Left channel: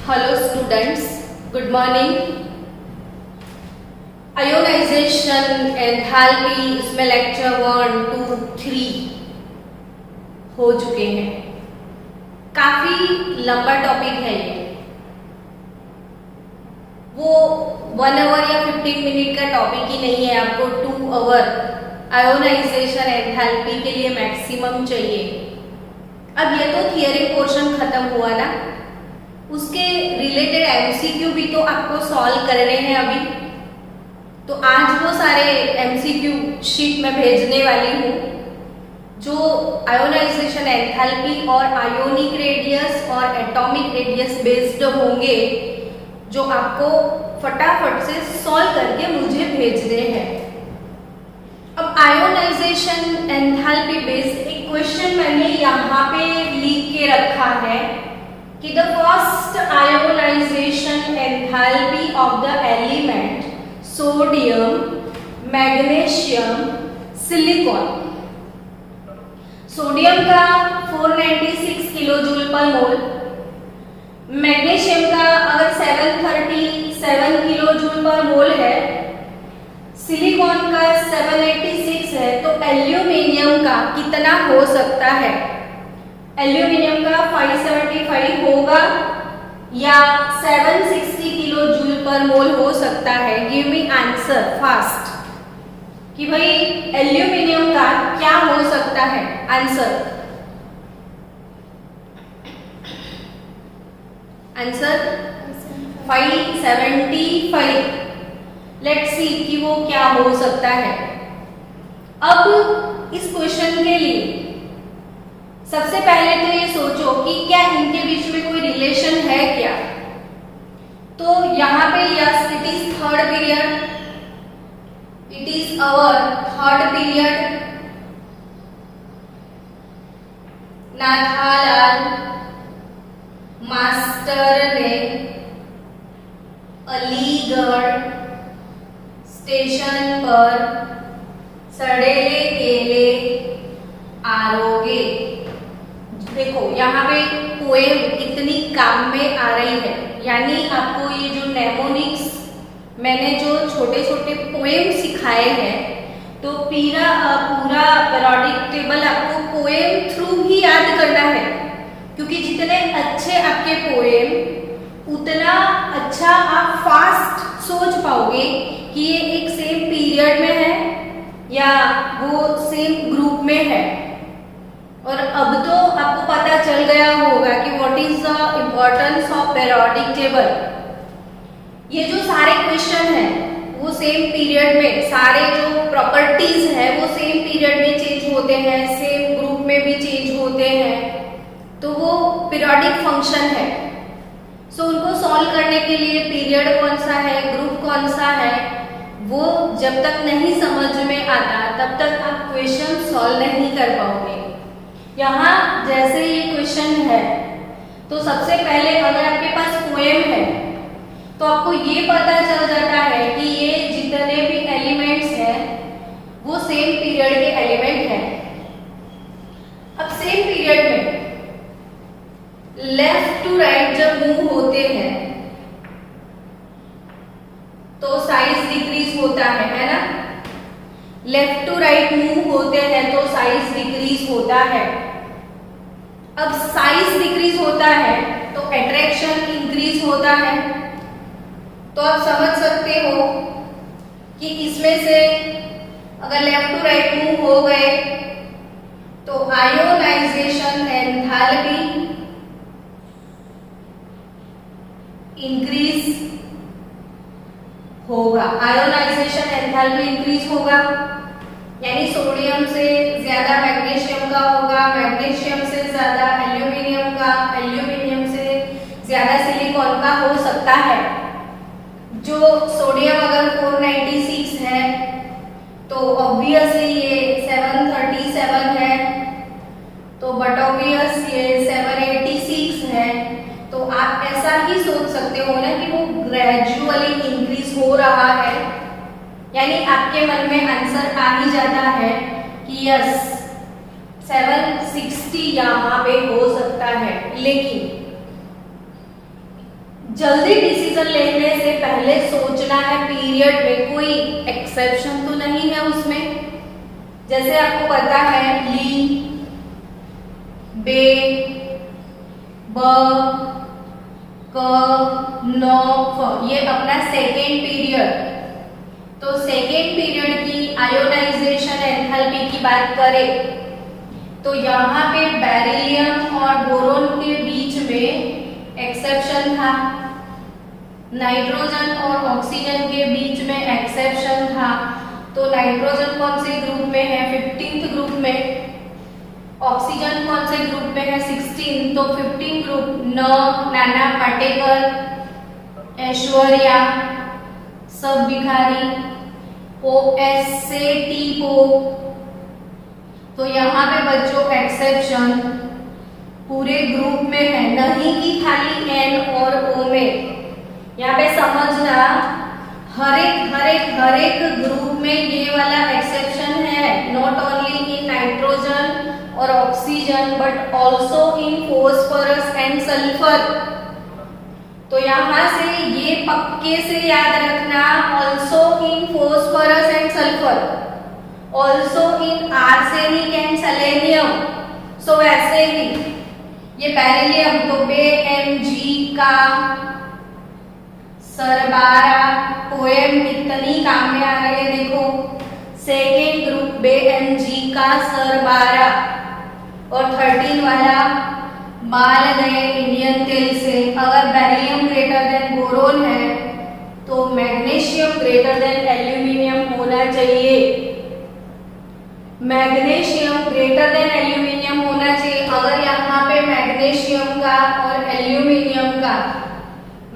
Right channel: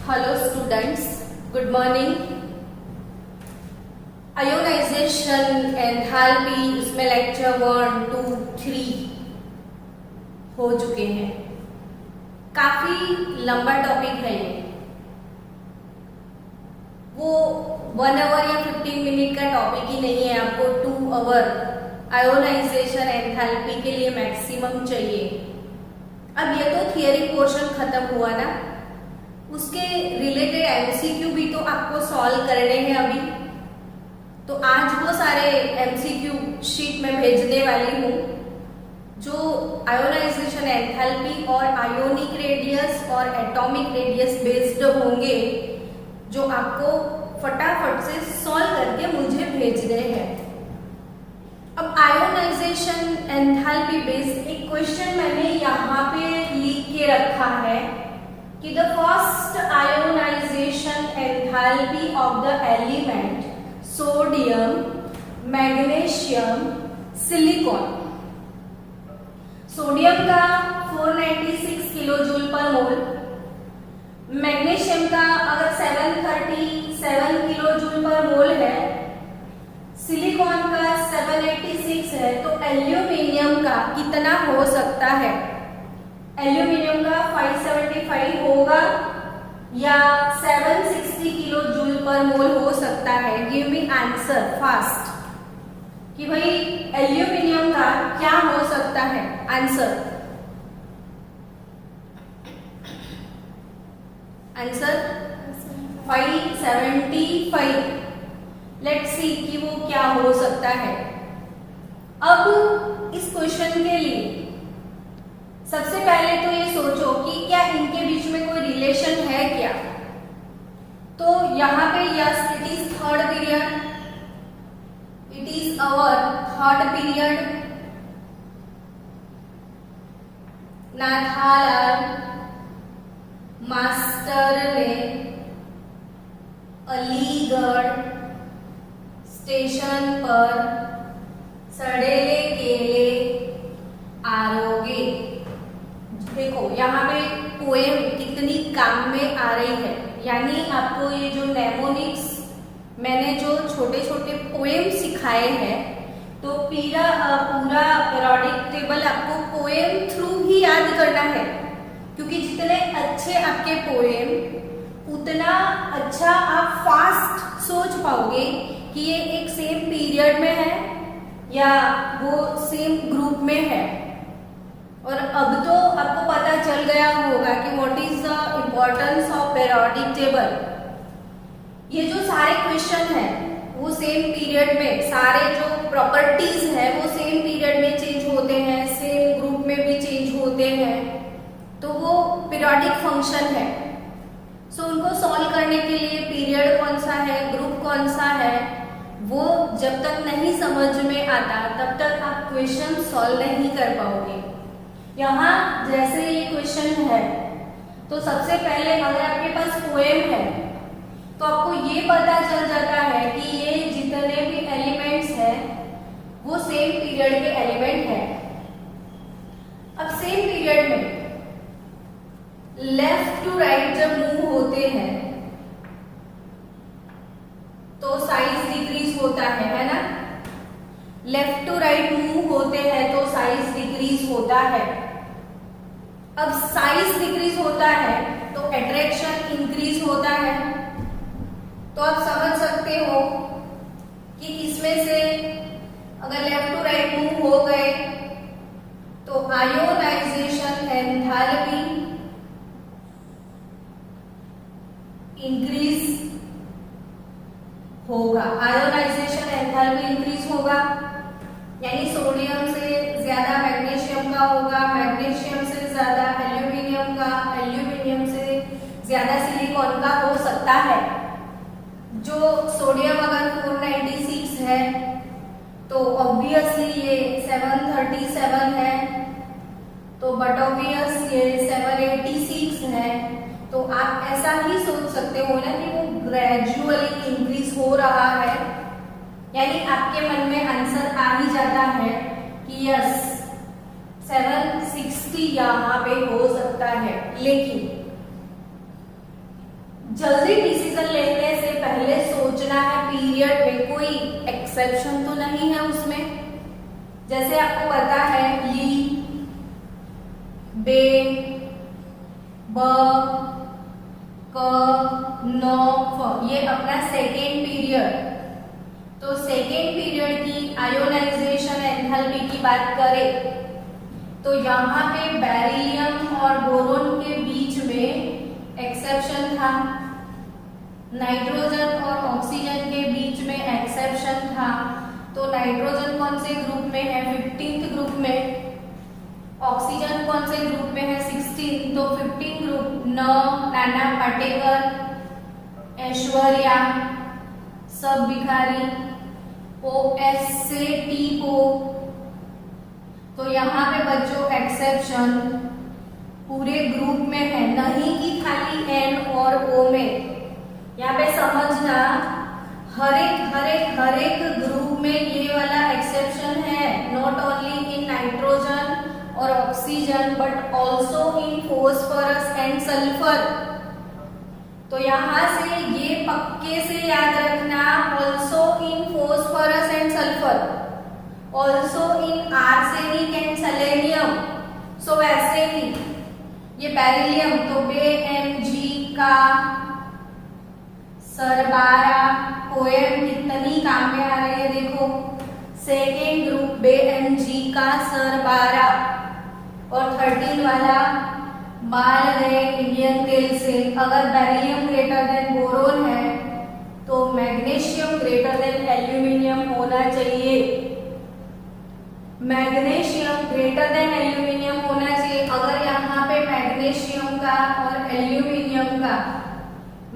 Hello students, good morning. Ionisation, enthalpy, इसमें lecture 1, 2, 3 हो चुके हैं। काफी लंबा टॉपिक है ये। वो 1 आवर या 15 मिनट का टॉपिक ही नहीं है, आपको 2 आवर आयोनाइजेशन एंथैल्पी के लिए मैक्सिमम चाहिए। अब ये तो थियरी पोर्शन खत्म हुआ ना, उसके रिलेटेड एमसीक्यू भी तो आपको सॉल्व करने हैं अभी। तो आज वो सारे एमसीक्यू शीट में भेजने वाली हूँ जो आयोनाइजेशन एंथैल्पी और आयोनिक रेडियस और एटॉमिक रेडियस बेस्ड होंगे, जो आपको फटाफट से सॉल्व करके मुझे भेजने हैं। अब आयोनाइजेशन एंथैल्पी बेस्ड एक क्वेश्चन मैंने यहाँ पे लिख के रखा है कि the first ionization enthalpy of the element sodium, magnesium, silicon. Sodium का 496 किलो जूल पर मोल, मैग्नीशियम का अगर 737 किलो जूल पर मोल है, सिलिकॉन का 786 है, तो एल्यूमिनियम का कितना हो सकता है? एल्यूमिनियम का 575 होगा या 760 किलो जूल पर मोल हो सकता है? गिव मी आंसर फास्ट कि भाई एल्यूमिनियम का क्या हो सकता है आंसर। आंसर 575। लेट्स सी कि वो क्या हो सकता है। अब इस क्वेश्चन के लिए सबसे पहले तो ये सोचो कि क्या इनके बीच में कोई रिलेशन है क्या? तो यहाँ पे yes, it is third period, it is our third period. Nathalal master ने अलीगढ़ स्टेशन पर सड़ेले केले आरोगे। देखो यहाँ पे पोएम कितनी काम में आ रही है, यानी आपको ये जो नेमोनिक्स मैंने जो छोटे छोटे पोएम सिखाए हैं, तो पूरा पीरियोडिक टेबल आपको पोएम थ्रू ही याद करना है, क्योंकि जितने अच्छे आपके पोएम उतना अच्छा आप फास्ट सोच पाओगे कि ये एक सेम पीरियड में है या वो सेम ग्रुप में है। और अब तो आपको पता चल गया होगा कि what is the importance of periodic table. ये जो सारे क्वेश्चन है वो सेम पीरियड में, सारे जो प्रॉपर्टीज है वो सेम पीरियड में चेंज होते हैं, सेम ग्रुप में भी चेंज होते हैं, तो वो पीरियोडिक फंक्शन है। सो उनको सॉल्व करने के लिए पीरियड कौन सा है, ग्रुप कौन सा है, वो जब तक नहीं समझ में आता तब तक आप क्वेश्चन सॉल्व नहीं कर पाओगे। यहाँ जैसे ये क्वेश्चन है, तो सबसे पहले अगर आपके पास पोएम है तो आपको ये पता चल जाता है कि ये जितने भी एलिमेंट्स हैं वो सेम पीरियड के एलिमेंट हैं। अब सेम पीरियड में लेफ्ट टू राइट जब मूव होते हैं तो साइज डिक्रीज होता है ना? लेफ्ट टू राइट मूव होते हैं तो साइज डिक्रीज होता है। अब साइज डिक्रीज होता है तो अट्रैक्शन इंक्रीज होता है। तो आप समझ सकते हो कि इसमें से अगर लेफ्ट टू राइट मूव हो गए तो आयोनाइजेशन एंथैल्पी इंक्रीज होगा। आयोनाइजेशन एंथैल्पी इंक्रीज होगा, यानी सोडियम से ज्यादा मैग्नीशियम का होगा, मैग्नीशियम से ज्यादा एल्यूमिनियम का, एल्यूमिनियम से ज्यादा सिलिकॉन का हो सकता है। जो सोडियम अगर 496 है तो ऑब्वियसली ये 737 है, तो बट ऑब्वियस ये 786 है। तो आप ऐसा ही सोच सकते हो ना कि वो ग्रेजुअली इंक्रीज हो रहा है, यानी आपके मन में आंसर आ ही जाता है कि यस 760 यहाँ पे हो सकता है। लेकिन जल्दी डिसीजन लेने से पहले सोचना है पीरियड में कोई एक्सेप्शन तो नहीं है उसमें। जैसे आपको पता है ली, बे, ब, क, न, फ, ये अपना सेकेंड पीरियड। तो सेकेंड पीरियड की आयोनाइजेशन एंथैल्पी की बात करें तो यहाँ पे बेरिलियम और बोरोन के बीच में एक्सेप्शन था, नाइट्रोजन और ऑक्सीजन के बीच में एक्सेप्शन था। तो नाइट्रोजन कौन से ग्रुप में है? 15th ग्रुप में। ऑक्सीजन कौन से ग्रुप में है? 16। तो 15 ग्रुप न, नाना पाटेकर, ऐश्वर्या, सब भिखारी, ओ एस से टी को। तो यहाँ पे बच्चों एक्सेप्शन पूरे ग्रुप में है, नहीं कि खाली एन और ओ में। यहाँ पे समझना हर एक ग्रुप में ये वाला एक्सेप्शन है, नॉट ओनली इन नाइट्रोजन और oxygen but also in phosphorus and sulphur. तो यहाँ से ये पक्के से याद रखना, also in phosphorus and sulphur, also in arsenic and selenium. So वैसे ही ये बेरिलियम तो BeMg का सरबारा पोएम कितनी काम में आ रही है देखो, सेकेंड ग्रुप BeMg का सरबारा। और 13 वाला बाल गए इंडियन तेल से। अगर बेरिलियम ग्रेटर देन बोरोन है तो मैग्नीशियम ग्रेटर देन एल्यूमिनियम होना चाहिए। मैग्नीशियम ग्रेटर देन एल्यूमिनियम होना चाहिए। अगर यहाँ पे मैग्नीशियम का और एल्यूमिनियम का,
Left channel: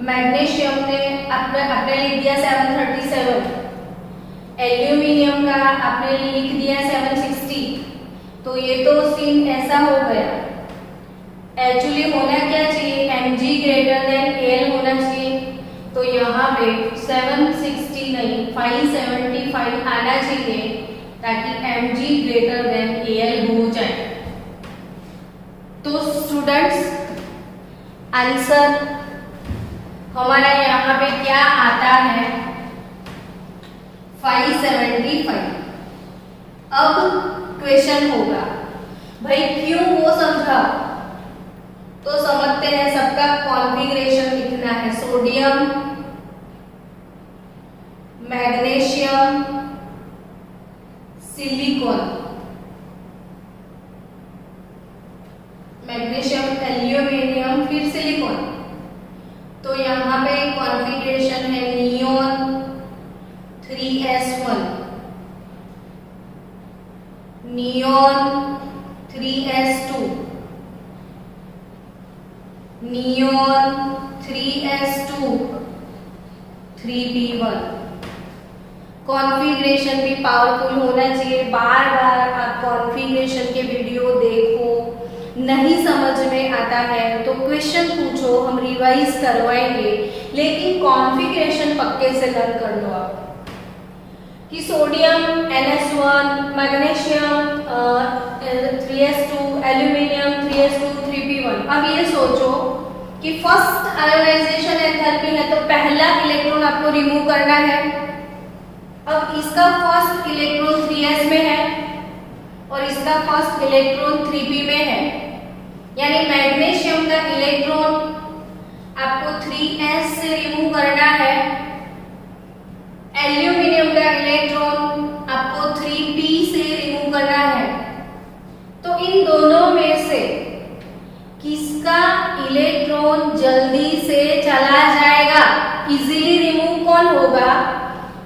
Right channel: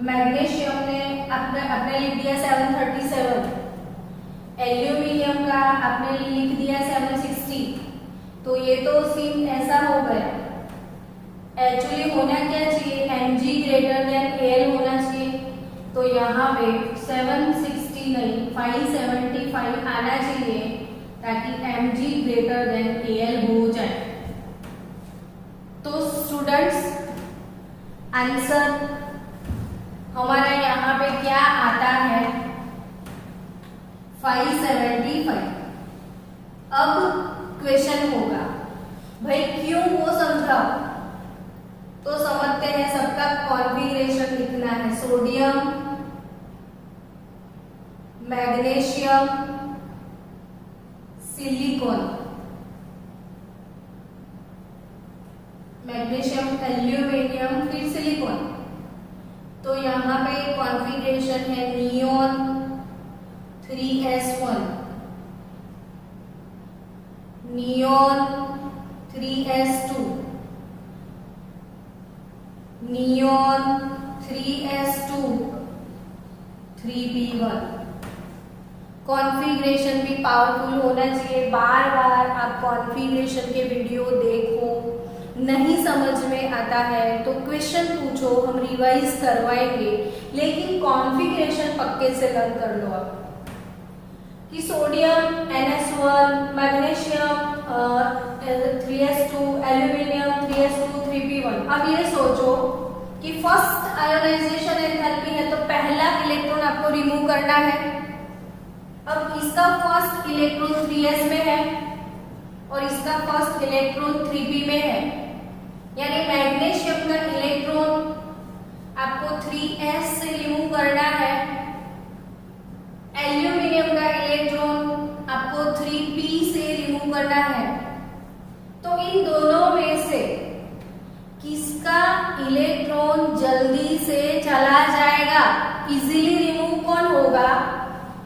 मैग्नीशियम ने आपने लिख दिया 737, एल्यूमिनियम का आपने लिख दिया 760, तो ये तो सीन ऐसा हो गया। एक्चुअली होना क्या चाहिए? Mg ग्रेटर देन Al होना चाहिए। तो यहाँ पे 760 नहीं 575 आना चाहिए ताकि Mg ग्रेटर देन Al हो जाए। तो स्टूडेंट्स आंसर हमारा यहाँ पे क्या आता है? 575। अब क्वेश्चन होगा भाई क्यों वो समझा, तो समझते हैं। सबका कॉन्फ़िगरेशन लिखना है, sodium, magnesium, silicon, magnesium, aluminium, फिर सिलिकॉन। तो यहाँ पे कॉन्फ़िगरेशन है neon 3s1, neon 3s2, neon 3s2, 3p1। Configuration भी पावरफुल होना चाहिए। बार बार आप कॉन्फ़िगरेशन के वीडियो देखो, नहीं समझ में आता है तो क्वेश्चन पूछो, हम रिवाइज करवाएंगे, लेकिन कॉन्फ़िगरेशन पक्के से लर्न कर लो आप कि sodium NS1, magnesium 3s2, aluminium 3s2, 3p1। अब ये सोचो कि फर्स्ट आयोनाइजेशन एंथैल्पी है तो पहला इलेक्ट्रॉन आपको रिमूव करना है। अब इसका फर्स्ट इलेक्ट्रॉन 3s में है और इसका फर्स्ट इलेक्ट्रॉन 3p में है, यानी मैग्नीशियम का इलेक्ट्रॉन आपको 3s से रिमूव करना है, एल्यूमिनियम का इलेक्ट्रॉन आपको 3p से रिमूव करना है। तो इन दोनों में से किसका इलेक्ट्रॉन जल्दी से चला जाएगा, इजीली रिमूव कौन होगा?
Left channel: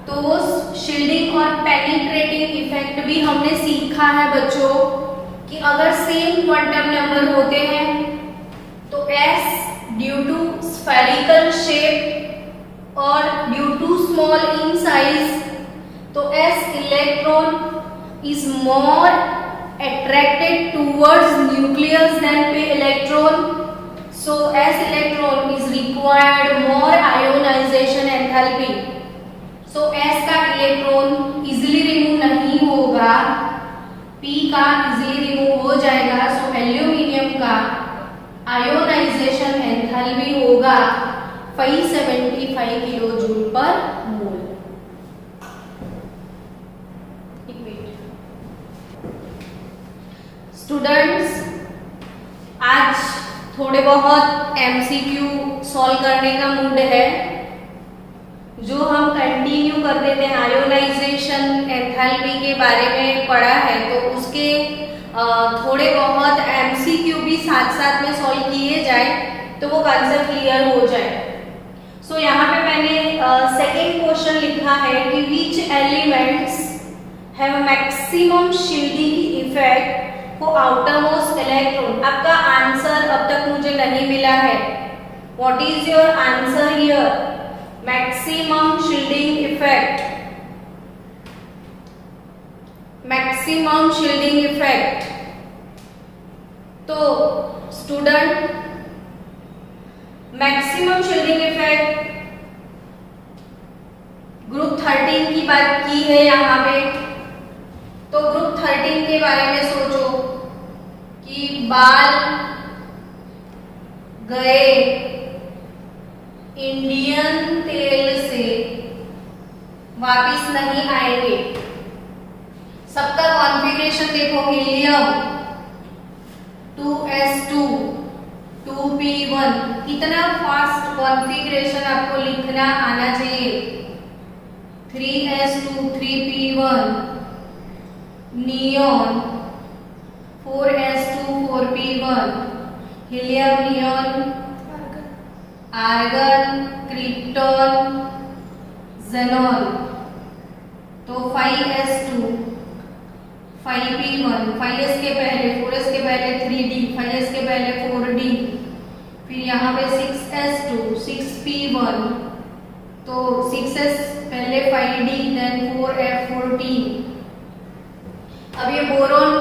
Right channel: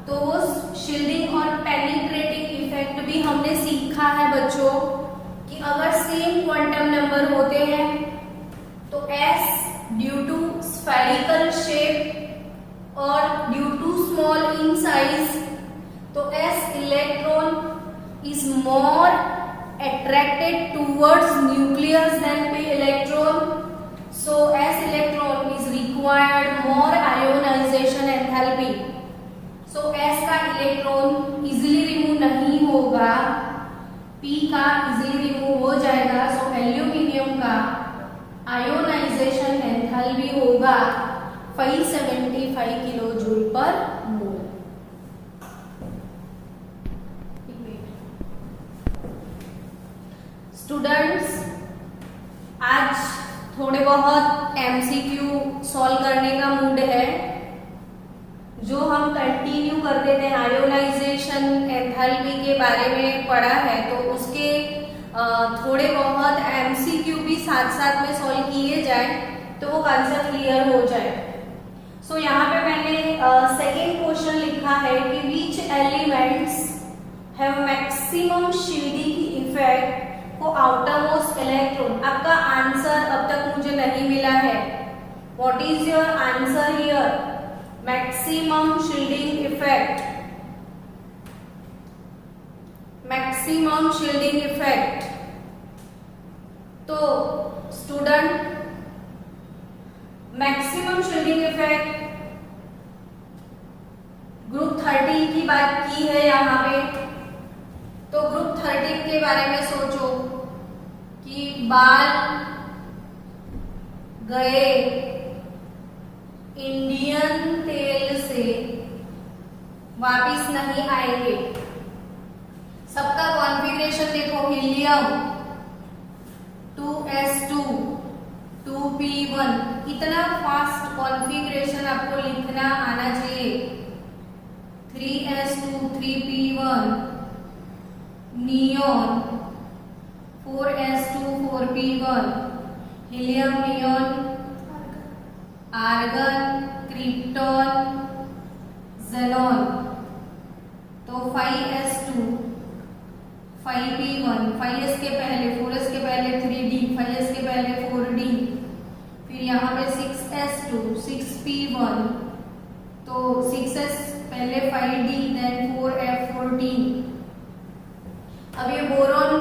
तो शील्डिंग और पेनिट्रेटिंग इफेक्ट भी हमने सीखा है बच्चों कि अगर सेम क्वांटम नंबर होते हैं तो s due to spherical shape और due to small in size, तो s electron is more attracted towards nucleus than p electron, so s electron is required more ionization enthalpy, so s का electron easily remove नहीं होगा, p का easily remove हो जाएगा। So aluminium का ionisation enthalpy होगा 575 kilo joule पर मोल। Students, आज थोड़े बहुत एमसीक्यू सॉल्व करने का मूड है। जो हम कंटिन्यू करते थे आयोनाइजेशन एंथैल्पी के बारे में पढ़ा है, तो उसके थोड़े बहुत एमसीक्यू भी साथ साथ में सॉल्व किए जाए तो वो कंसेप्ट क्लियर हो जाए। सो यहाँ पे मैंने सेकेंड क्वेश्चन लिखा है कि which elements have maximum shielding effect for outermost electron. आपका आंसर अब तक मुझे नहीं मिला है। What is your answer here? Maximum shielding effect, maximum shielding effect. तो student, maximum shielding effect group 13 की बात की है यहाँ पे। तो ग्रुप 13 के बारे में सोचो कि बाल गए इंडियन तेल से वापिस नहीं आएंगे। सबका कॉन्फ़िगरेशन देखो, हीलियम 2s2 2p1, कितना फास्ट कॉन्फ़िगरेशन आपको लिखना आना चाहिए। 3s2 3p1, neon 4s2 4p1, helium neon, argon, krypton, xenon. तो 5s2 5p1, 5s के पहले 4s के पहले 3d, 5s के पहले 4d, फिर यहाँ पे 6s2 6p1, तो 6s पहले 5d देन 4f14। अब ये बोरोन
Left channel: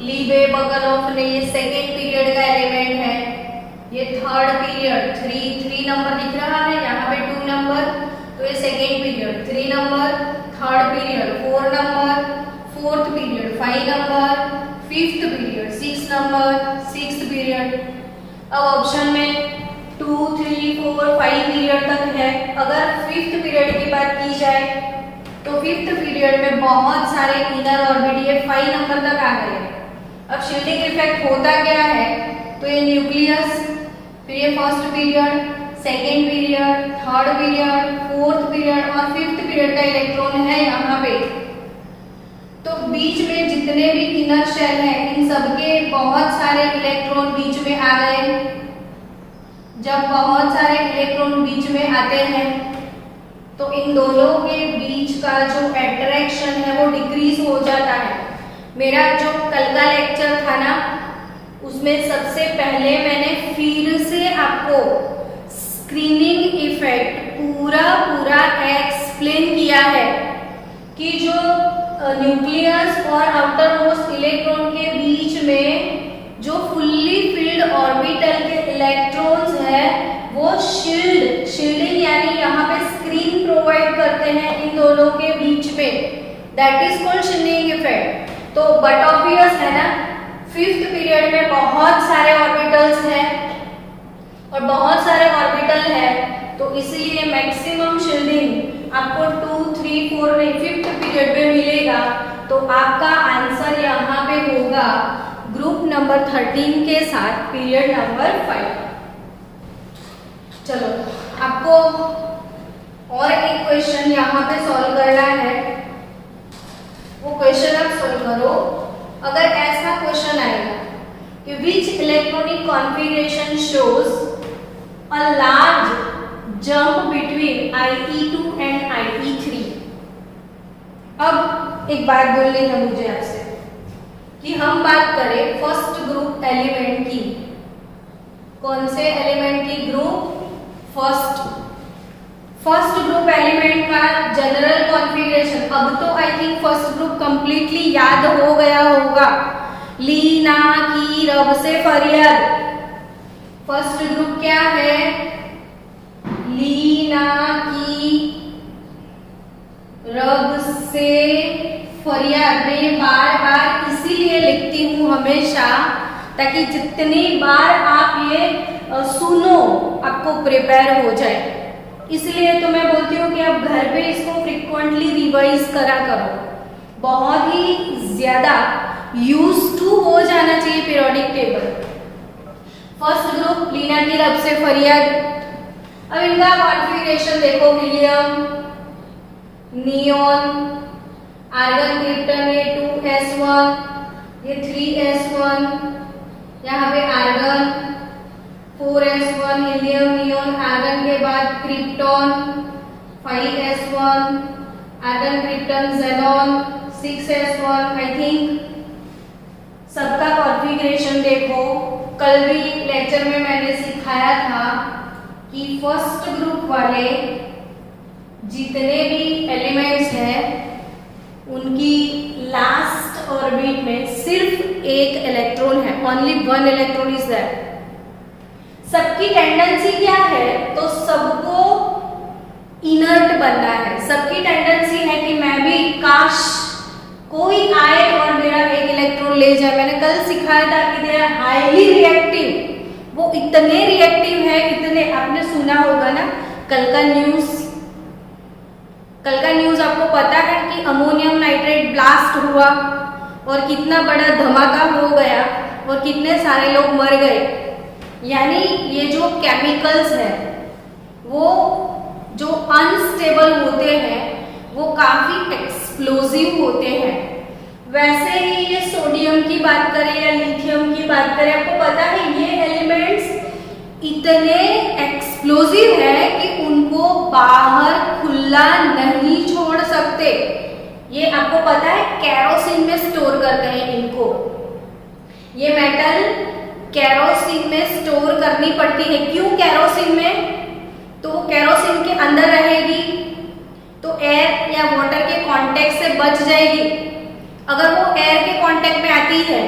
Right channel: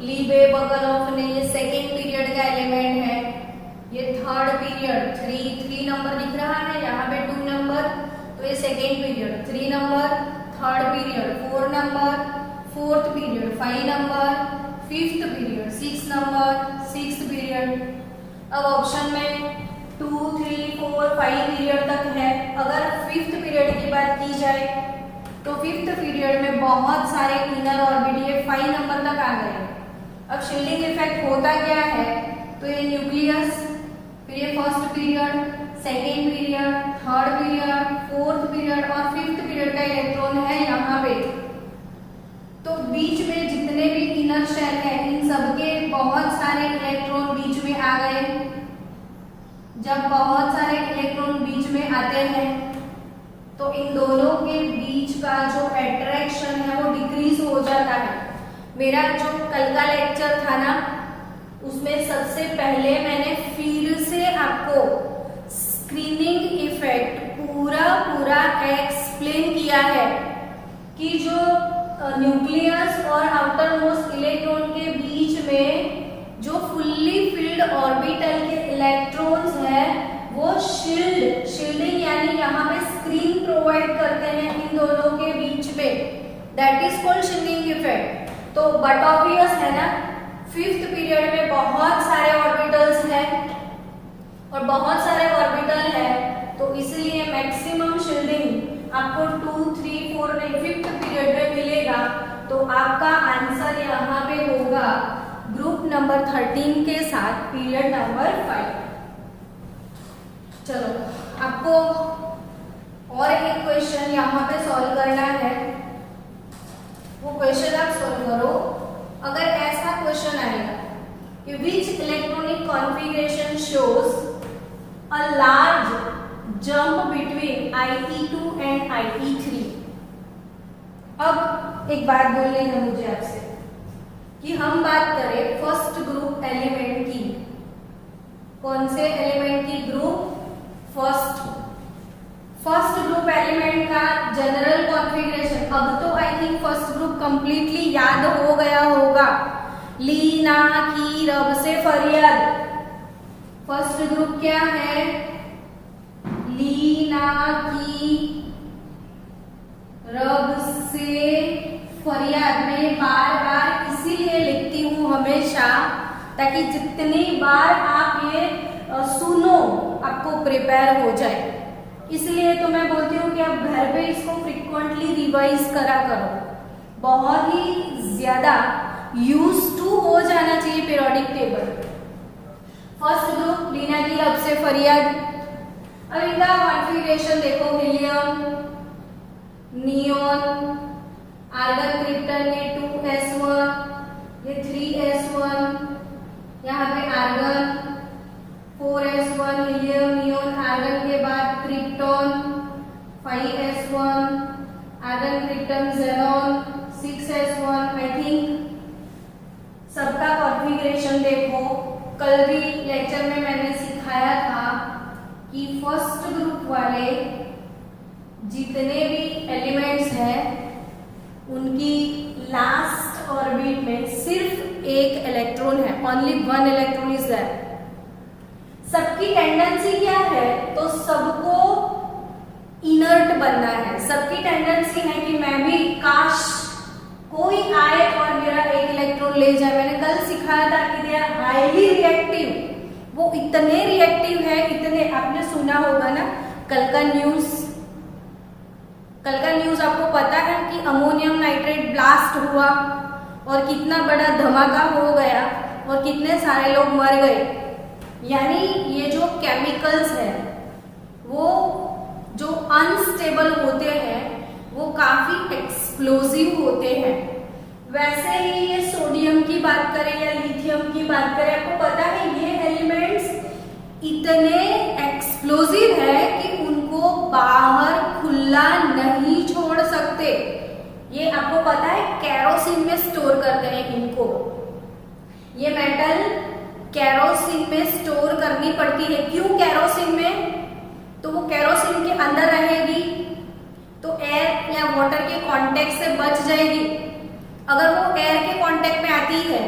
लीबे बगलोफ ने ये सेकेंड पीरियड का एलिमेंट है, ये थर्ड पीरियड 3 नंबर दिख रहा है यहाँ पे 2 नंबर, तो ये second period 3 number, third period 4 number, fourth period 5 number, fifth period 6 number, sixth period. अब ऑप्शन में 2 3 4 5 पीरियड तक है। अगर फिफ्थ पीरियड की बात की जाए तो फिफ्थ पीरियड में बहुत सारे इनर ऑर्बिट ये 5 नंबर तक आ गए। अब शील्डिंग इफेक्ट होता क्या है? तो ये न्यूक्लियस, फिर ये first period, second period, third period, fourth period और फिफ्थ पीरियड का इलेक्ट्रॉन है यहाँ पे। तो बीच में जितने भी इनर शेल है इन सबके बहुत सारे इलेक्ट्रॉन बीच में आ गए। जब बहुत सारे इलेक्ट्रॉन बीच में आते हैं तो इन दोनों के बीच का जो अट्रैक्शन है वो डिक्रीज हो जाता है। मेरा जो कल का लेक्चर था ना, उसमें सबसे पहले मैंने फिर से आपको स्क्रीनिंग इफेक्ट पूरा एक्सप्लेन किया है कि जो न्यूक्लियस और आउटर मोस्ट इलेक्ट्रॉन के बीच में जो फुल्ली फिल्ड ऑर्बिटल के इलेक्ट्रॉन्स है वो शील्डिंग यानी यहाँ पे स्क्रीन प्रोवाइड करते हैं इन दोनों के बीच पे, that is called shielding effect. तो बट ऑब्वियस है ना, फिफ्थ पीरियड में बहुत सारे ऑर्बिटल्स हैं और बहुत सारे ऑर्बिटल है, तो इसलिए मैक्सिमम शील्डिंग आपको 2 3 4 नहीं फिफ्थ पीरियड में मिलेगा। तो आपका आंसर यहाँ पे होगा ग्रुप नंबर 13 के साथ पीरियड नंबर 5। चलो आपको और एक क्वेश्चन यहाँ पे सॉल्व करना है, वो क्वेश्चन आप सॉल्व करो। अगर ऐसा क्वेश्चन आएगा कि विच electronic configuration shows a large jump between IE2 and IE3। अब एक बात बोलनी है मुझे आपसे कि हम बात करें फर्स्ट ग्रुप एलिमेंट की। कौन से एलिमेंट की? ग्रुप फर्स्ट ग्रुप एलिमेंट का जनरल कॉन्फ़िगरेशन। अब तो I think first group completely याद हो गया होगा। ली ना की रब से फरियाद। फर्स्ट ग्रुप क्या है? ली ना की रब से फरियाद। मैं ये बार बार इसीलिए लिखती हूँ हमेशा, ताकि जितनी बार आप ये सुनो आपको प्रिपेयर हो जाए। इसलिए तो मैं बोलती हूँ कि आप घर पे इसको फ्रिक्वेंटली रिवाइज करा करो, बहुत ही ज्यादा यूज टू हो जाना चाहिए पीरियोडिक टेबल। फर्स्ट ग्रुप लीना की रब से फरियाद। अब इनका कॉन्फ़िगरेशन देखो, हीलियम, नियोन, आर्गन, क्रिप्टन, ये 2s1, ये 3s1, यहाँ पे argon 4s1, helium, neon, argon के बाद krypton 5s1, argon, krypton, xenon 6s1। I think सबका कॉन्फ़िगरेशन देखो। कल भी लेक्चर में मैंने सिखाया था कि फर्स्ट ग्रुप वाले जितने भी एलिमेंट्स हैं उनकी लास्ट ऑर्बिट में सिर्फ एक इलेक्ट्रॉन है, ओनली 1 इलेक्ट्रॉन इज देयर। सबकी टेंडेंसी क्या है, तो सबको इनर्ट बनना है। सबकी टेंडेंसी है कि मैं भी काश कोई आए और मेरा एक इलेक्ट्रॉन ले जाए। मैंने कल सिखाया था कि दे आर हाईली रिएक्टिव, वो इतने रिएक्टिव है, इतने, आपने सुना होगा ना कल का न्यूज। कल का न्यूज आपको पता है कि अमोनियम नाइट्रेट ब्लास्ट हुआ और कितना बड़ा धमाका हो गया और कितने सारे लोग मर गए। यानी ये जो केमिकल्स है वो जो अनस्टेबल होते हैं वो काफी एक्सप्लोजिव होते हैं। वैसे ही ये सोडियम की बात करें या लिथियम की बात करें, आपको पता है ये एलिमेंट्स इतने एक्सप्लोजिव है कि उनको बाहर खुला नहीं छोड़ सकते। ये आपको पता है केरोसिन में स्टोर करते हैं इनको। ये मेटल केरोसिन में स्टोर करनी पड़ती है। क्यों केरोसिन में? तो वो केरोसिन के अंदर रहेगी तो एयर या वाटर के कांटेक्ट से बच जाएगी। अगर वो एयर के कांटेक्ट में आती है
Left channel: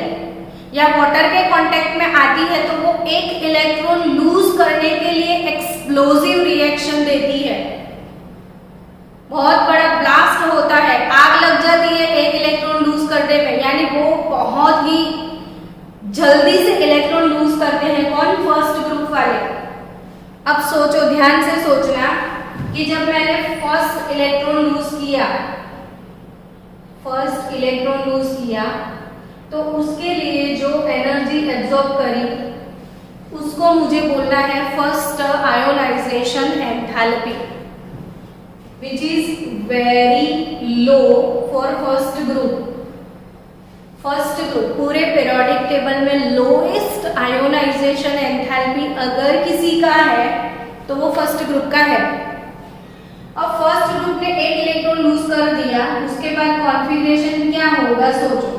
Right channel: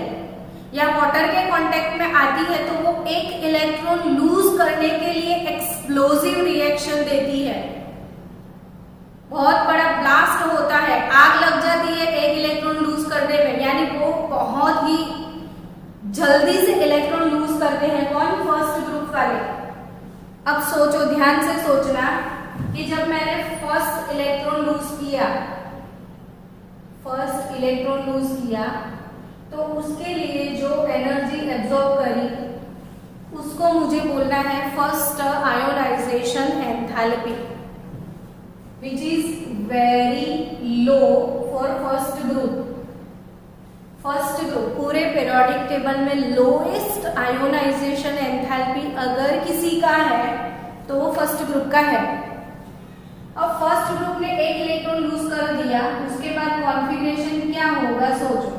या वाटर के कांटेक्ट में आती है तो वो एक इलेक्ट्रॉन लूज करने के लिए एक्सप्लोजिव रिएक्शन देती है। बहुत बड़ा ब्लास्ट होता है, आग लग जाती है एक इलेक्ट्रॉन लूज करने में, यानी वो बहुत ही जल्दी से इलेक्ट्रॉन लूज करते हैं। कौन? फर्स्ट ग्रुप वाले। अब सोचो, ध्यान से सोचना कि जब मैंने फर्स्ट इलेक्ट्रॉन लूज किया तो उसके लिए जो एनर्जी एब्जॉर्ब करी उसको मुझे बोलना है first ionization enthalpy, which is very low for first group. पूरे पीरियोडिक टेबल में लोएस्ट आयोनाइजेशन एंथैल्पी अगर किसी का है तो वो फर्स्ट ग्रुप का है। अब फर्स्ट ग्रुप ने एक इलेक्ट्रॉन लूज कर दिया, उसके बाद कॉन्फ़िगरेशन क्या होगा सोचो।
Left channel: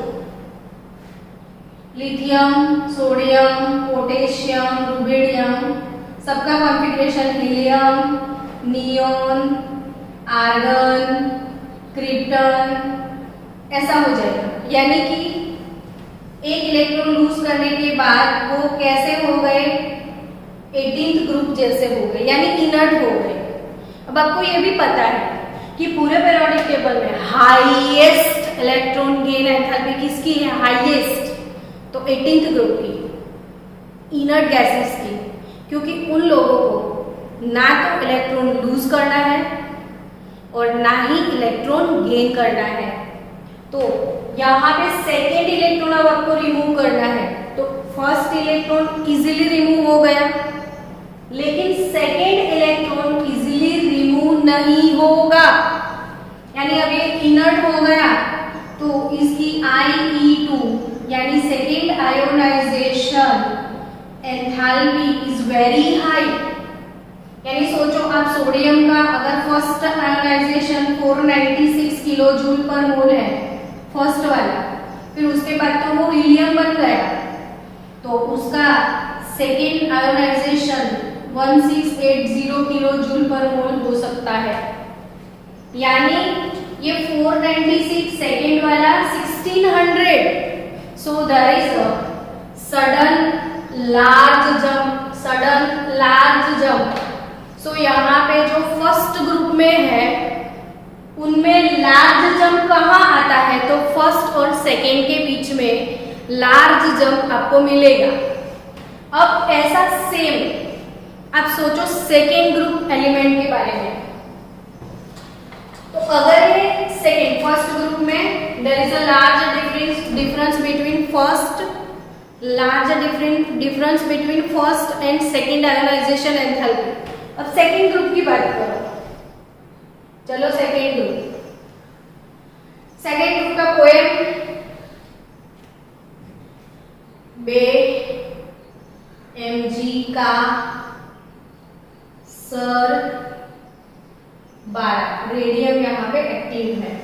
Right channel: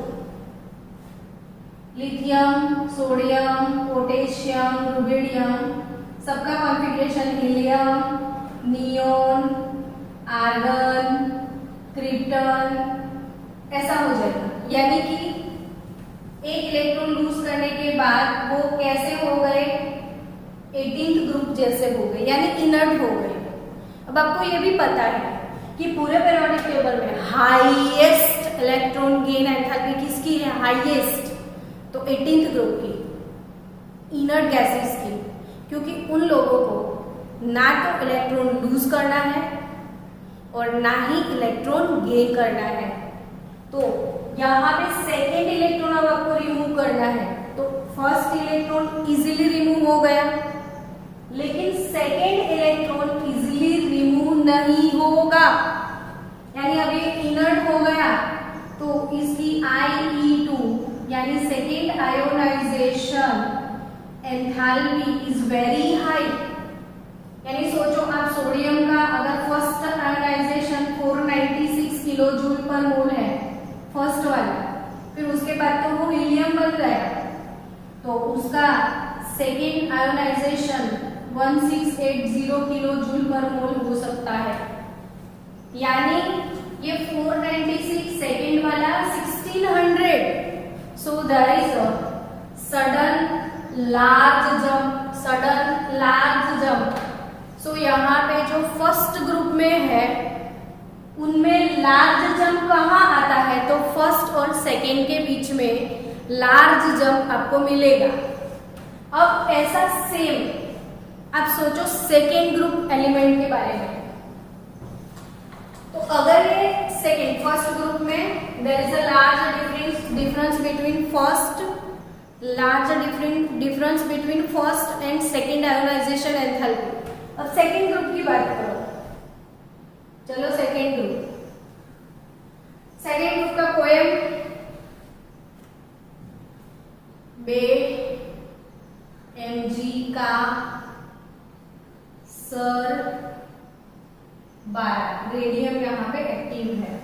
लिथियम, सोडियम, पोटेशियम, रुबिडियम, सबका configuration helium, neon, argon, krypton ऐसा हो जाएगा। यानी कि एक इलेक्ट्रॉन लूज करने के बाद वो कैसे हो गए? 18th ग्रुप जैसे हो गए, यानी इनर्ट हो गए। अब आपको ये भी पता है कि पूरे पीरियोडिक टेबल में हाईएस्ट इलेक्ट्रॉन गेन एंथैल्पी किसकी है? हाईएस्ट तो 18th ग्रुप की, इनर्ट गैसेस की, क्योंकि उन लोगों को ना तो इलेक्ट्रॉन लूज करना है और ना ही इलेक्ट्रॉन गेन करना है। तो यहाँ पे सेकेंड इलेक्ट्रॉन अब आपको रिमूव करना है तो फर्स्ट इलेक्ट्रॉन इजीली रिमूव हो गया, लेकिन सेकेंड इलेक्ट्रॉन इजीली रिमूव नहीं होगा। यानी अब ये इनर्ट हो गया तो इसकी IE2 यानी second ionization enthalpy is very high. यानी सोचो आप सोडियम का अगर फर्स्ट आयोनाइजेशन 496 किलो जूल पर मोल है फर्स्ट वाला, फिर उसके बाद तो वो हीलियम बन गया तो उसका सेकेंड आयोनाइजेशन 1680 किलो जूल पर मोल हो सकता है। यानी ये 496 सेकेंड वाला 1600। So there is a sudden large jump. So यहाँ पे जो फर्स्ट ग्रुप में है उनमें लार्ज जंप कहाँ आता है? तो फर्स्ट और सेकेंड के बीच में लार्ज जंप आपको मिलेगा। अब ऐसा सेम अब सोचो सेकेंड ग्रुप एलिमेंट के बारे में। तो अगर ये सेकेंड फर्स्ट ग्रुप में there is a large difference between first and second ionisation enthalpy. अब सेकेंड ग्रुप की बात करो, चलो सेकेंड ग्रुप का पोएम बे mg का सर 12 रेडियम यहाँ पे एक्टिव है।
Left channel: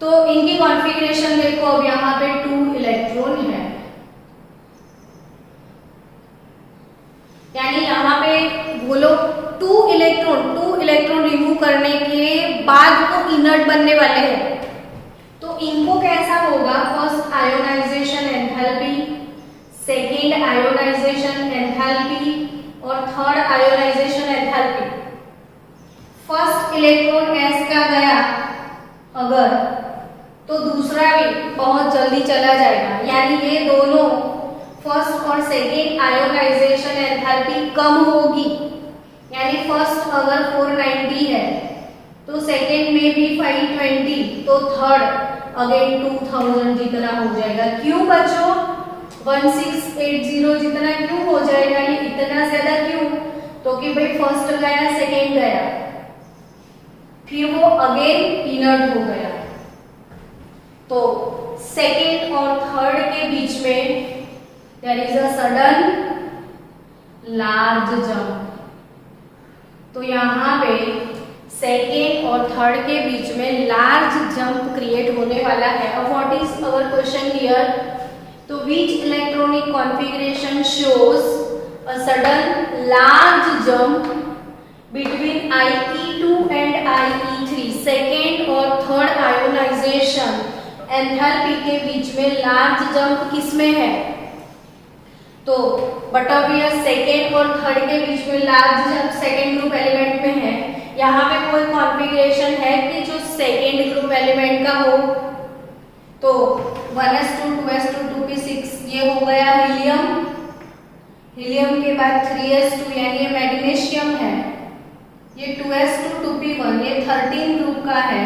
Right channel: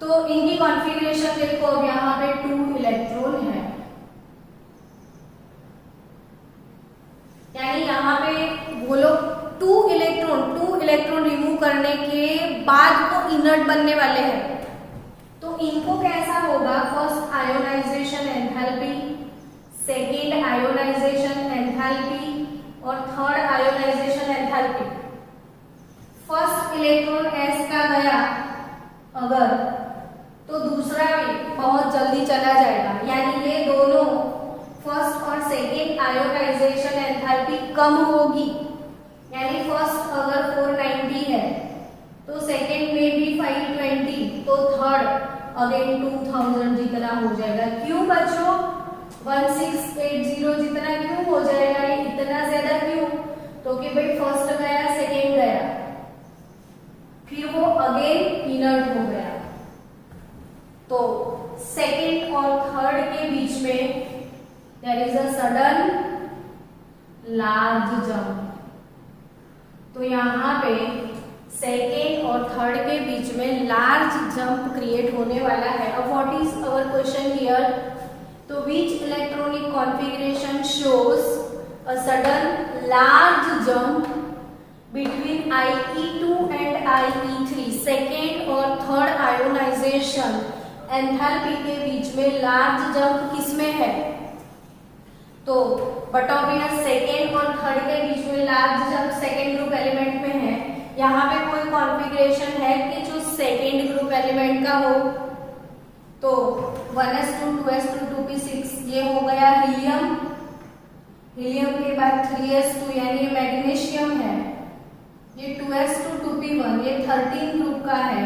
तो इनकी कॉन्फ़िगरेशन देखो, अब यहाँ पे 2 इलेक्ट्रॉन है, यानी यहाँ पे वो लोग 2 इलेक्ट्रॉन रिमूव करने के बाद वो इनर्ट बनने वाले हैं। तो इनको कैसा होगा, first ionization enthalpy, second ionisation enthalpy और third ionization enthalpy. First electron s का गया अगर, तो दूसरा भी बहुत जल्दी चला जाएगा, यानी ये दोनों फर्स्ट और सेकेंड आयोनाइजेशन एंथैल्पी कम होगी। यानी फर्स्ट अगर 490 है तो सेकेंड में भी 520, तो थर्ड अगेन 2000 जितना हो जाएगा। क्यों बच्चों 1680 जितना क्यों हो जाएगा, ये इतना ज्यादा क्यों? तो कि भाई फर्स्ट गया सेकेंड गया, फिर वो अगेन इनर्ट हो गया। तो सेकेंड और थर्ड के बीच में there is a sudden large jump. तो यहाँ पे सेकेंड और थर्ड के बीच में लार्ज जंप क्रिएट होने वाला है। अब what is our question here? तो which electronic configuration shows a sudden large jump between IE2 and IE3? Second और थर्ड आयोनाइजेशन एंथैल्पी के बीच में लार्ज जंप किसमें है? तो बट ऑब्वियस सेकेंड और थर्ड के बीच में large jump second group element में है। यहाँ पे कोई कॉन्फ़िगरेशन है कि जो सेकेंड ग्रुप एलिमेंट का हो? तो 1s2 2s2 2p6 ये हो गया हीलियम। हीलियम के बाद 3s2 यानी ये मैग्नीशियम है। ये 2s2 2p1 ये 13 ग्रुप का है।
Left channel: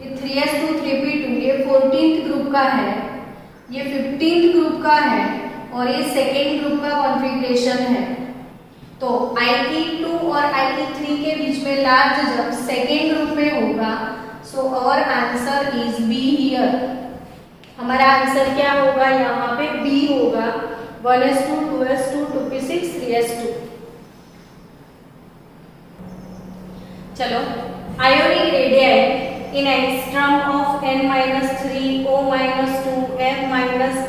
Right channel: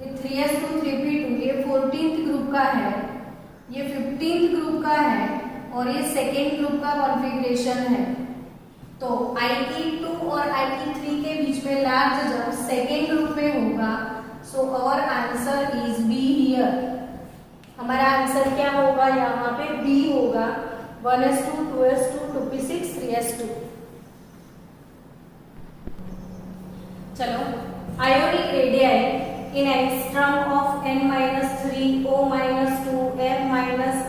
ये 3s2 3p2 ये 14th ग्रुप का है। ये 15th ग्रुप का है और ये सेकेंड ग्रुप का कॉन्फ़िगरेशन है। तो IE2 और IE3 के बीच में लार्ज जंप सेकेंड ग्रुप में होगा। So our answer is B here. हमारा आंसर क्या होगा? यहाँ पे बी होगा, 1s2 2s2 2p6 3s2। चलो, ionic radii in angstrom of n-3 O-2 F-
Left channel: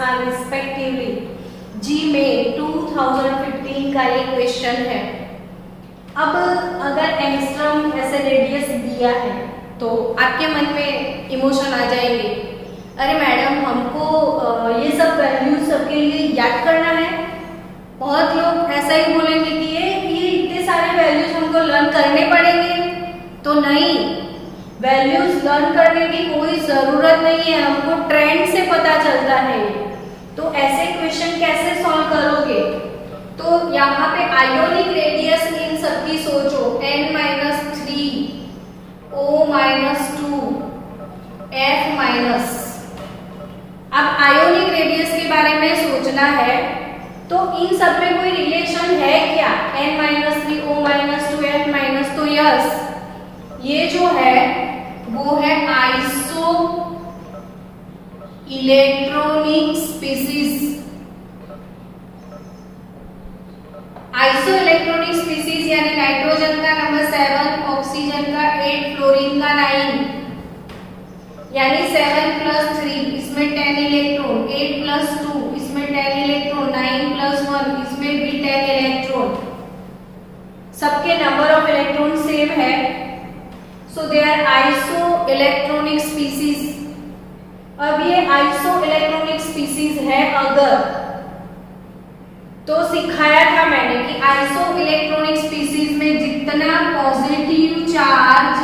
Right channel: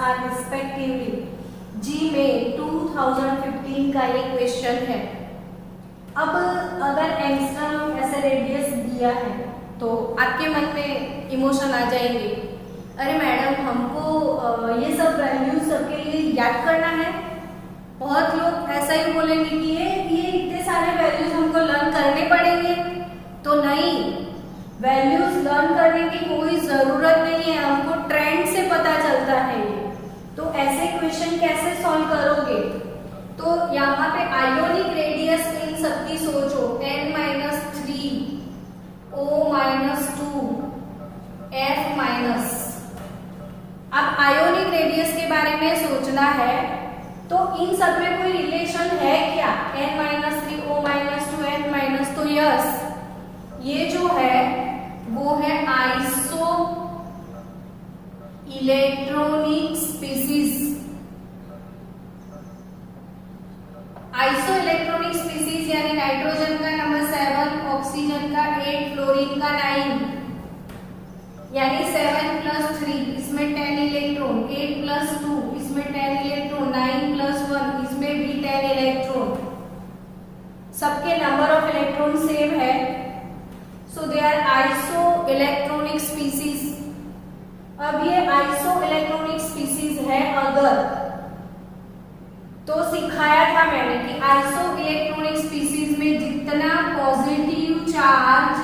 R respectively JEE में 2015 का ये क्वेश्चन है। अब अगर एंगस्ट्रॉम ऐसे रेडियस दिया है तो आपके मन में इमोशन आ जाएंगे, अरे मैडम हमको ये सब वैल्यूज सबके लिए याद करना है। बहुत लोग ऐसा ही बोलेंगे कि ये इतने सारे वैल्यूज हमको लर्न करने पड़ेंगे। तो नहीं, वैल्यूज लर्न करने की कोई ज़रूरत नहीं है, हमको ट्रेंड से पता चलता है। तो ऐसे क्वेश्चन कैसे सॉल्व करोगे? तो यहाँ पे आयोनिक रेडियस इन सबकी सोचो, n-3 O-2 F-। अब आयोनिक रेडियस के बारे में सोचना है तो इन सब में कोई रिलेशन है क्या? n-3 O-2 F-। तो यस, ये जो है वो है iso electronic species. Iso electronic species यानी नाइट्रोजन का नंबर 7, ऑक्सीजन का 8, फ्लोरीन का 9, यानी 7 + 3 इसमें 10 इलेक्ट्रॉन, 8 + 2 इसमें 10 इलेक्ट्रॉन, 9 + 1 इसमें भी 10 इलेक्ट्रॉन। सबके नंबर ऑफ इलेक्ट्रॉन सेम है। So they are isoelectronic species. अब ये आइसो इलेक्ट्रॉनिक स्पीसीज है अगर, तो सिखाया था मैंने कि आइसो इलेक्ट्रॉनिक स्पीसीज में जितना पॉजिटिव चार्ज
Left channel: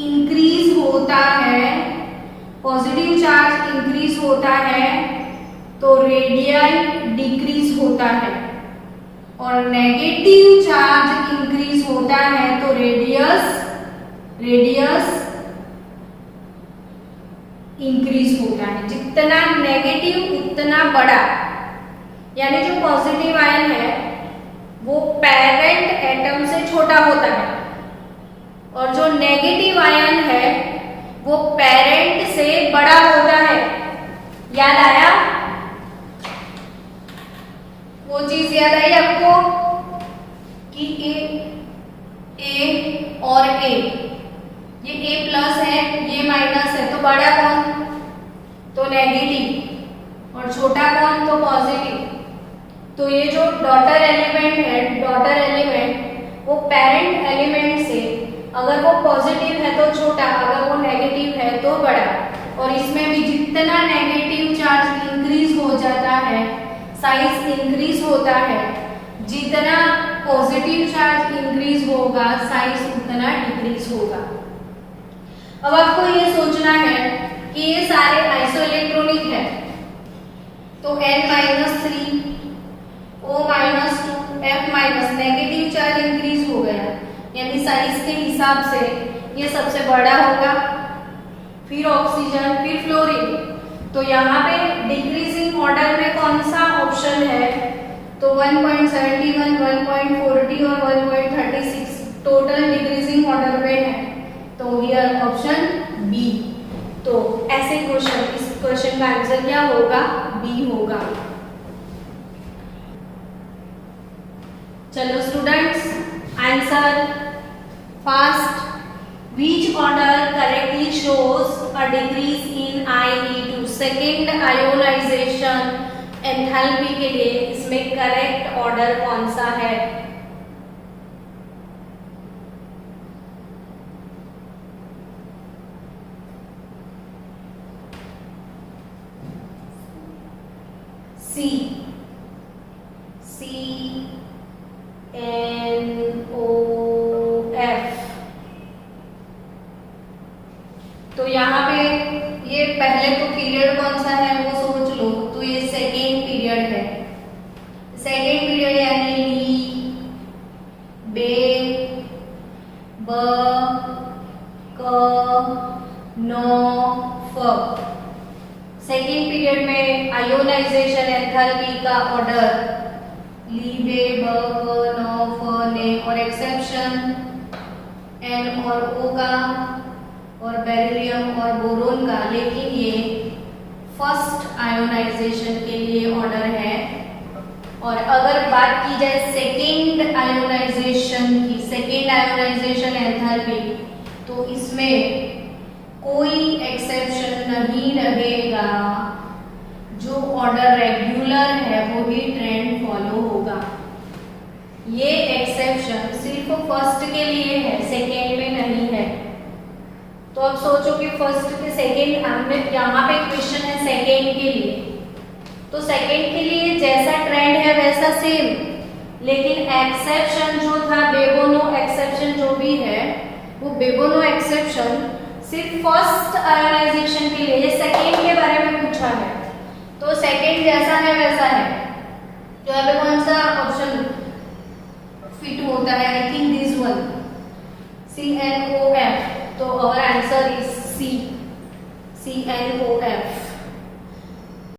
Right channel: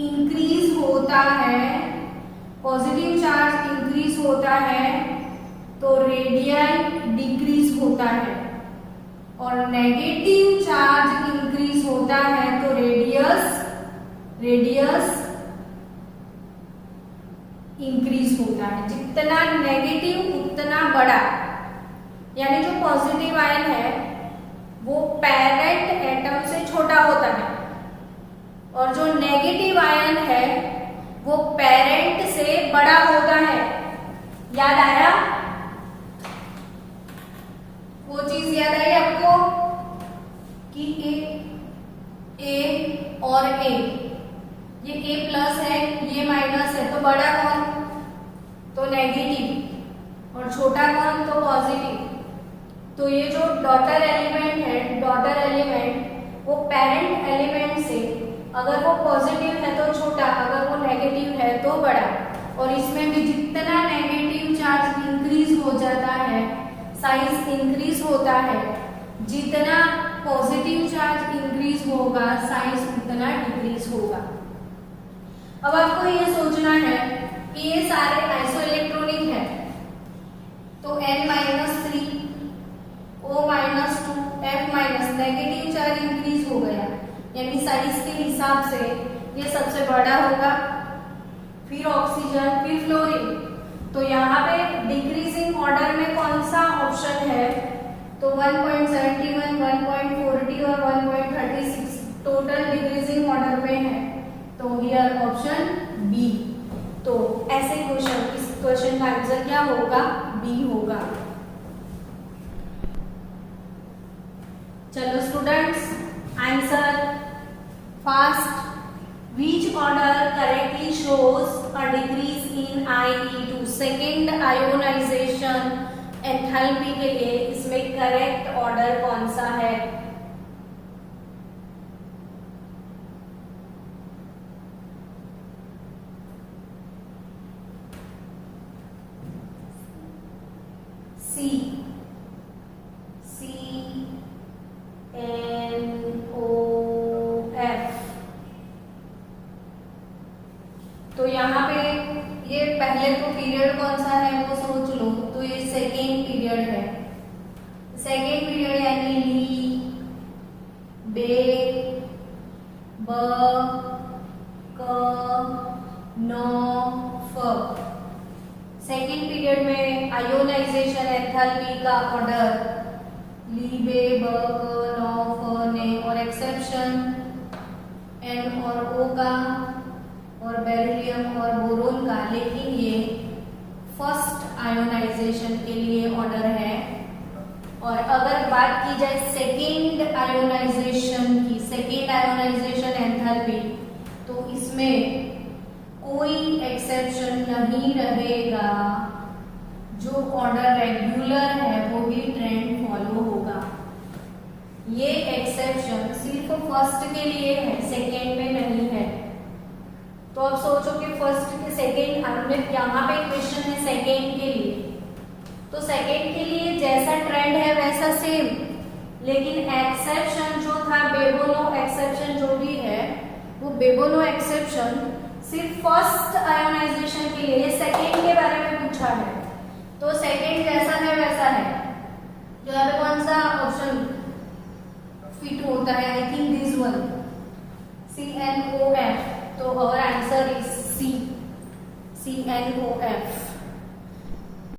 इंक्रीज होता है, पॉजिटिव चार्ज इंक्रीज होता है तो रेडियाई डिक्रीज होता है। और नेगेटिव चार्ज इंक्रीज होता है तो रेडियस इंक्रीज होता है। जितना नेगेटिव उतना बड़ा, यानी जो पॉजिटिव आयन है वो पेरेंट एटम से छोटा होता है और जो नेगेटिव आयन है वो पेरेंट से बड़ा होता है। याद आया? वो चीज याद आई आपको कि ए और ए, ये ए प्लस है, ये माइनस है, तो बड़ा कौन? तो नेगेटिव, और छोटा कौन? तो पॉजिटिव। तो ये जो डॉटर एलिमेंट है, डॉटर एलिमेंट वो पेरेंट एलिमेंट से अगर वो पॉजिटिव है तो छोटा, अगर वो नेगेटिव है तो बड़ा। और इसमें भी जितना नेगेटिव चार्ज इंक्रीज हो जाता है साइज इंक्रीज होता है, जितना पॉजिटिव चार्ज इंक्रीज होगा साइज उतना डिक्रीज होगा। अब आपको ये सोचना है कि ये सारे आइसोइलेक्ट्रॉनिक है, तो N-3 O-2 F- negative charge increase हो गया, यानी साइज के हिसाब से ये सबसे बड़ा होगा, फिर ऑक्सीजन, फिर फ्लोरीन। तो यहाँ पे डिक्रीजिंग ऑर्डर में कौन सा ऑप्शन है? तो 1.71, 1.40 और 1.36 टोटल डिक्रीजिंग ऑर्डर में है, तो हियर ऑप्शन बी। तो ऐसे क्वेश्चन, इस क्वेश्चन का आंसर क्या होगा? बी होगा। चलो students, answer fast. Which order correctly shows a decrease in IE2? Second ionization enthalpy के लिए इसमें करेक्ट ऑर्डर कौन सा है? सी, CNOF। तो यहाँ पे ये पहले तो पीरियड कौन सा है वो सोच लो, तो ये सेकेंड पीरियड है। सेकेंड पीरियड यानी ली, बे, ब, क, नो, फ। सेकेंड पीरियड में आयोनाइजेशन एंथैल्पी का ऑर्डर ली, बे, ब, क, नो, फ, ने, और एक्सेप्शन एन और ओ का और बेरिलियम और बोरोन का। लेकिन ये फर्स्ट आयोनाइजेशन के लिए ऑर्डर है। और अगर बात की जाए सेकेंड आयोनाइजेशन की, सेकेंड आयोनाइजेशन एंथैल्पी, तो इसमें कोई एक्सेप्शन नहीं रहेगा, जो ऑर्डर रेगुलर है वो ही ट्रेंड फॉलो होगा। ये एक्सेप्शन सिर्फ फर्स्ट के लिए है, सेकेंड में नहीं है। तो अब सोचो कि फर्स्ट के सेकेंड, हमने यहाँ पे क्वेश्चन है सेकेंड के लिए, तो सेकेंड के लिए जैसा ट्रेंड है वैसा सेम, लेकिन एक्सेप्शन जो था बेबोनो एक्सेप्शन जो भी है, वो बेबोनो एक्सेप्शन सिर्फ फर्स्ट आयोनाइजेशन के लिए, ये सेकेंड के बारे में पूछा है, तो सेकेंड जैसा है वैसा है। तो यहाँ पे कौन सा ऑप्शन फिट होता है? I think this one, CNOF। तो our answer is C, CNOF।